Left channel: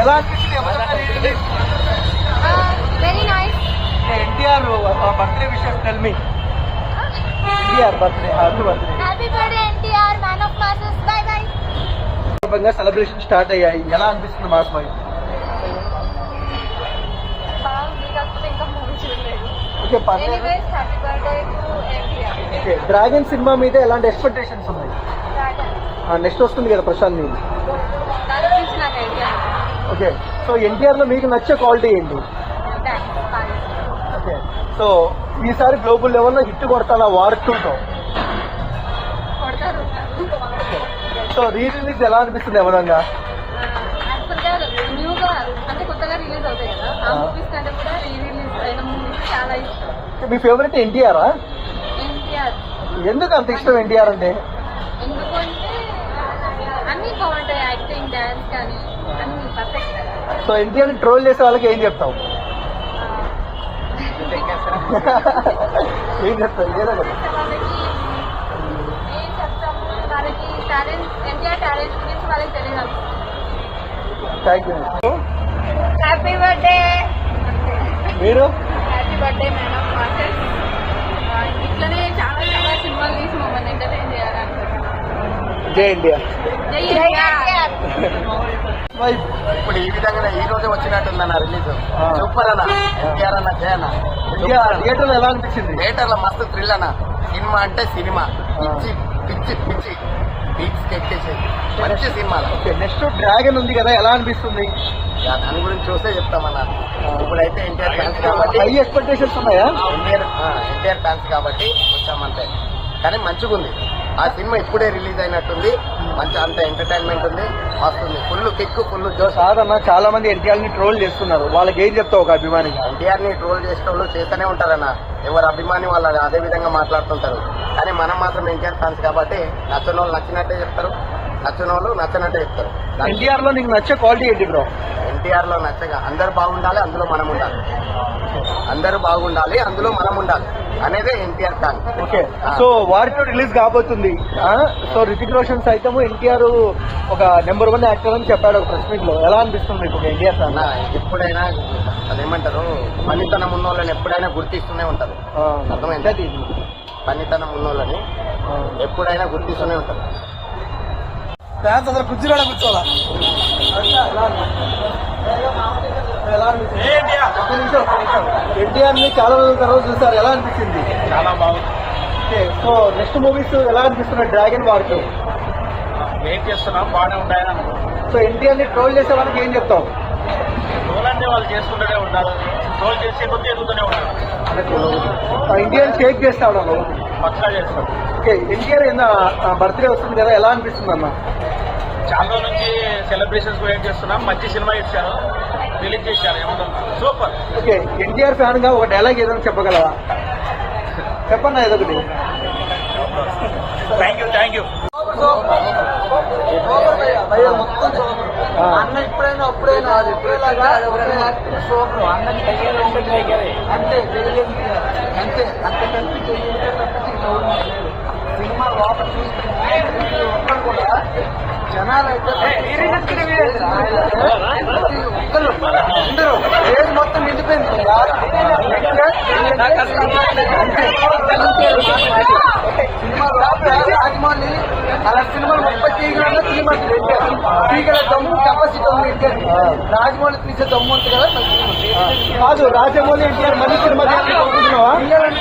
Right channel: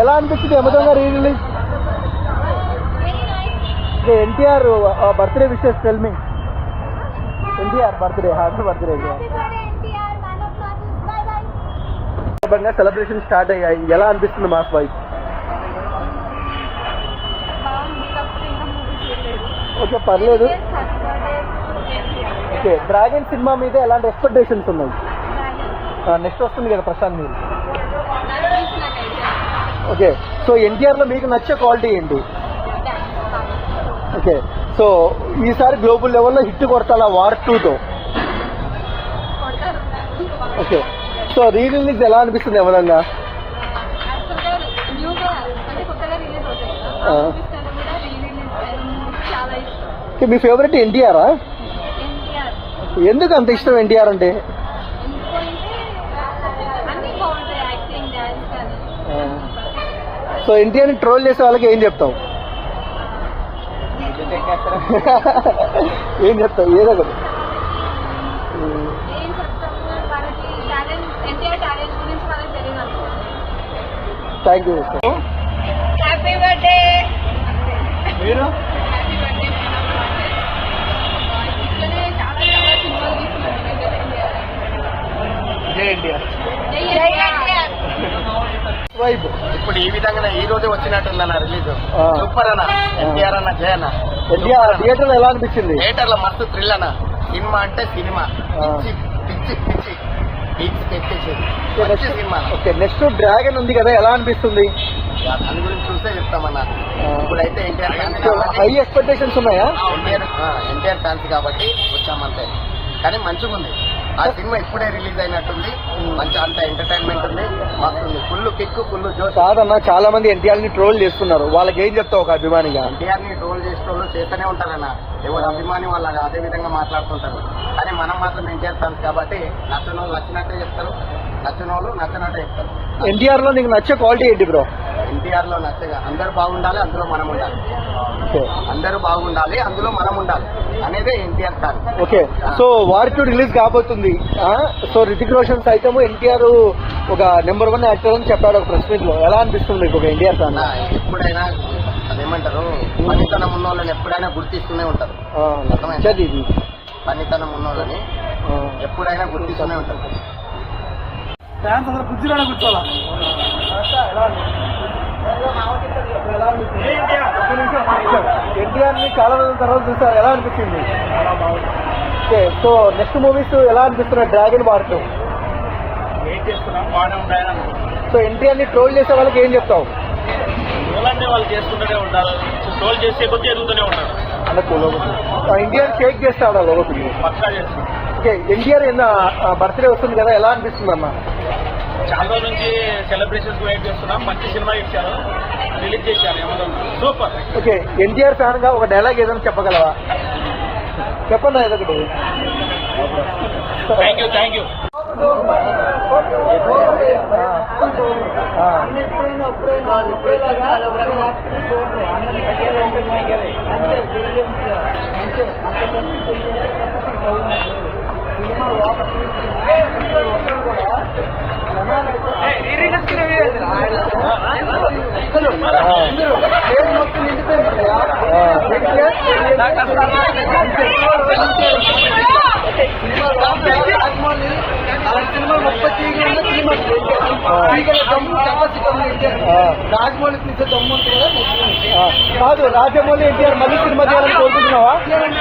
ఎలా అనిపించింది అమెజాన్ గా re release? Very nice. NTR birthday wishes tell me. NTR birthday, happy birthday. Happy birthday NTR, man of masses. By by. Celebration start అయ్యాయి, ఎలా అనిపిస్తుంది mass wife? Okay, పర్లేదు. Okay, dragon cinema మీద ఎలాంటి ఎక్స్పెక్టేషన్స్ ఉన్నాయి? నెక్స్ట్ వస్తుంది కదా ప్రశాంత్ నీల్. ఓకే, సో ఎన్టీఆర్ లో మీకు నచ్చే క్వాలిటీ ఏంటి? ఓకే, సో ఈసారి గ్లోబల్ లెవెల్లో హిట్ కొడతాడా వార్ 2తో? ఓకే, సో రీ రిలీజ్ ఎలా అనిపిస్తుంది ఎవరంగా? న్యూగా అంటే కొత్తగా రిలీజ్ అవుతాయి కదా, ఆ మూవీస్ కంటే కూడా రీ రిలీజ్ అయిన మూవీస్ చాలా ఇష్టం. మీ ఫేవరెట్ ఎన్టీఆరా? ఎన్టీఆర్. ఎందుకు అంత ఇష్టం ఎన్టీఆర్ అంటే? ఎందుకు అంటే అన్ని బాగుంటాయి, యాక్టింగ్, డాన్స్ కానీ అన్ని పర్ఫెక్ట్. సో ఎన్టీఆర్ని ట్రోల్ చేసే వాళ్ళకి ఏం చెప్తావు? ఏం చెప్తావు? ఏం చెప్తాము, వాళ్ళకి టాలెంట్, ఎన్టీఆర్ టాలెంట్ గురించి వాళ్ళకి తెలియదు. Thank you. Happy birthday. మీరు? Happy birthday. ఇట్లనే చాలా చాలా సినిమాలు తీసి మమ్మల్ని ఎంటర్టైన్ చేయాలి. జై ఎన్టీఆర్. జై ఎన్టీఆర్. ఇప్పుడు ఈ విధంగా ఈ రోజే వచ్చినట్టుందన్న రిలీజ్. సూపర్ అన్న, ఎన్టీఆర్ అన్న, జయ అన్న. థియేటర్ ఎలా అనిపించింది? థియేటర్ లో మస్తు థ్రిల్ అన్న. సినిమా అంటే సినిమా పిచ్చి పిచ్చి పిచ్చి పీక్స్ ఎక్కేసేది మంచి సినిమా. నెక్స్ట్ డ్రాగన్ ఉంది కదా, ఎలా అనిపిస్తుంది? దాని గురించి చూస్తే చెప్తామన్నా. ఇప్పుడైతే ఎన్టీఆర్ ఫ్యాన్స్ కాబట్టి ఎక్స్పెక్టేషన్స్ ఉన్నాయా? ఎన్టీఆర్ ఫ్యాన్స్ కాబట్టి వచ్చామంతే. కానీ మంచిగా ఉంది ఆ సినిమా. ఇప్పుడే రిలీజ్ అయినట్టుంది, మంచి అంత ఎంటర్టైన్మెంట్ ఉంది, మస్తు ఉంది. ఫుల్ కిక్, ఫుల్ జోష్. చాలా మంది ఎన్టీఆర్ ని ట్రోల్ చేస్తున్నారు, వాళ్ళకి ఏం చెప్తావు ఒక అభిమానిగా? ఎన్టీఆర్ ని ట్రోల్ చేసే వాళ్ళు చేస్తూనే ఉంటారన్న. ఎవరు అభిమాని వాళ్ళు అదే విధంగా మాట్లాడుతుంటారు. కానీ మనం మాత్రం ఎన్టీఆర్ ఫ్యాన్స్ కాబట్టి నచ్చిన వాళ్ళు నచ్చినట్టే చెప్తారు, నచ్చిన వాళ్ళు నచ్చినట్టే చెప్తారు. ఎన్టీఆర్ లో నీకు నచ్చే క్వాలిటీ ఏంటి బ్రో? ఎన్టీఆర్ లో నచ్చగా అందరూ బాగుండాలి, అందులో మనం ఉండాలి. అందరూ బాగుండాలి, అందులో మనం ఉండాలి అనేదే NTR fan. Okay, so war 2 release కాబోతుంది. సో రితిక్ రోషన్ సైతం ఎన్టీఆర్ ఒక నెంబర్ 1 యాక్టర్ అని చెప్పాడు ప్రెస్ మీట్ లో. ఎలా అనిపిస్తుంది ఇప్పుడు ఎన్టీఆర్ ఫ్యాన్? ఎప్పుడైనా అదేమంటారు, పనితనం ఉన్న వాళ్ళని ఎప్పుడైనా గుర్తిస్తూనే ఉంటారు. అర్థమైంది? పనితనం ఉన్న వాళ్ళని ఎప్పుడైనా గుర్తిస్తూనే ఉంటారు. ఎన్టీఆర్ ని చాలా రోజుల తర్వాత చూసారు, ఎలా అనిపించింది? ఓకే, సో నెక్స్ట్ మూవీస్ ఎలా అనిపిస్తున్నాయి? డ్రాగన్ వార్ 2 వెయిట్ చేస్తున్నాం, బాగానే ఉంటాయని అనుకుంటున్నాం. సో ఎన్టీఆర్ ని ట్రోల్ చేసే వాళ్ళకి ఏం చెప్తావు? ట్రోల్ అంటే వాళ్ళు చేసుకుంటూనే ఉంటారు, ట్రోల్ చేసే కొద్దీ ఎదుగుతూనే ఉంటారు. ఎన్టీఆర్ షేక్ చేస్తా ఉన్నారు, పక్కా చేస్తాం. ఓకే, ఎన్టీఆర్ బర్త్డే వస్తుంది కదా, ఎలా అనిపిస్తుంది అమ్మా? చాలా రోజుల నుంచి సెలబ్రేషన్స్ వెయిట్ చేస్తున్నాం. మంచి సినిమా ఇచ్చారు, రిలీజ్ చేశారు. ఏమవుతుంది? సూపర్. ఓకే, ఎన్టీఆర్ ఫ్యాన్ గా ఒక డైలాగ్ ఏదైనా చెప్పగలరా? చెప్పండి ఏదొకటి. Thank you, thank you. అన్న ఇప్పుడైనా అప్పుడైనా ఇప్పుడేలాగా సూపర్. అన్నకి అంతే అంతే అంత సినిమా లోపల చూస్తే ఒక్కరు కూడా జనాలైతే ఒక్కరు అందరూ పేరు మొత్తం నిండిపోయింది కదా. సినిమా లోపల రాజమౌళి అలా సినిమా 30 తీగలన్నా తీగల దమ్ము కెపాసిటీ దమ్ము ఎన్టీఆర్. రాజమౌళి తీసే దమ్ము ఉంటుంది కదా కాదు. రాజమౌళి ఎన్టీఆర్ మళ్ళీ సినిమా చేయాలని కోరుకుంటున్నావా?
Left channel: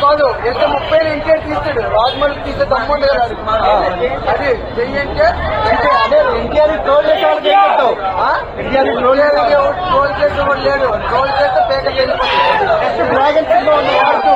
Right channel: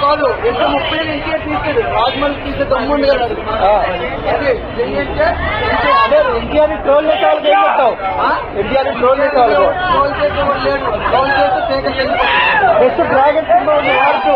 కాదు, ఎంత 30 ఎన్టీఆర్ తీస్తాడు, రాజమౌళి తీసే దమ్ము ఉంది కదా. అదే అదే ఎన్టీఆర్ ట్రోల్ చేసే వాళ్ళకి ఏం చెప్తావు? ఎన్టీఆర్ ట్రోల్ చేసేవాడు లేడు, ట్రోల్ చేస్తే పేపర్ వెళ్ళిపోతుంది. నెక్స్ట్ డ్రాగన్ సినిమా ఉంది వాడుతూ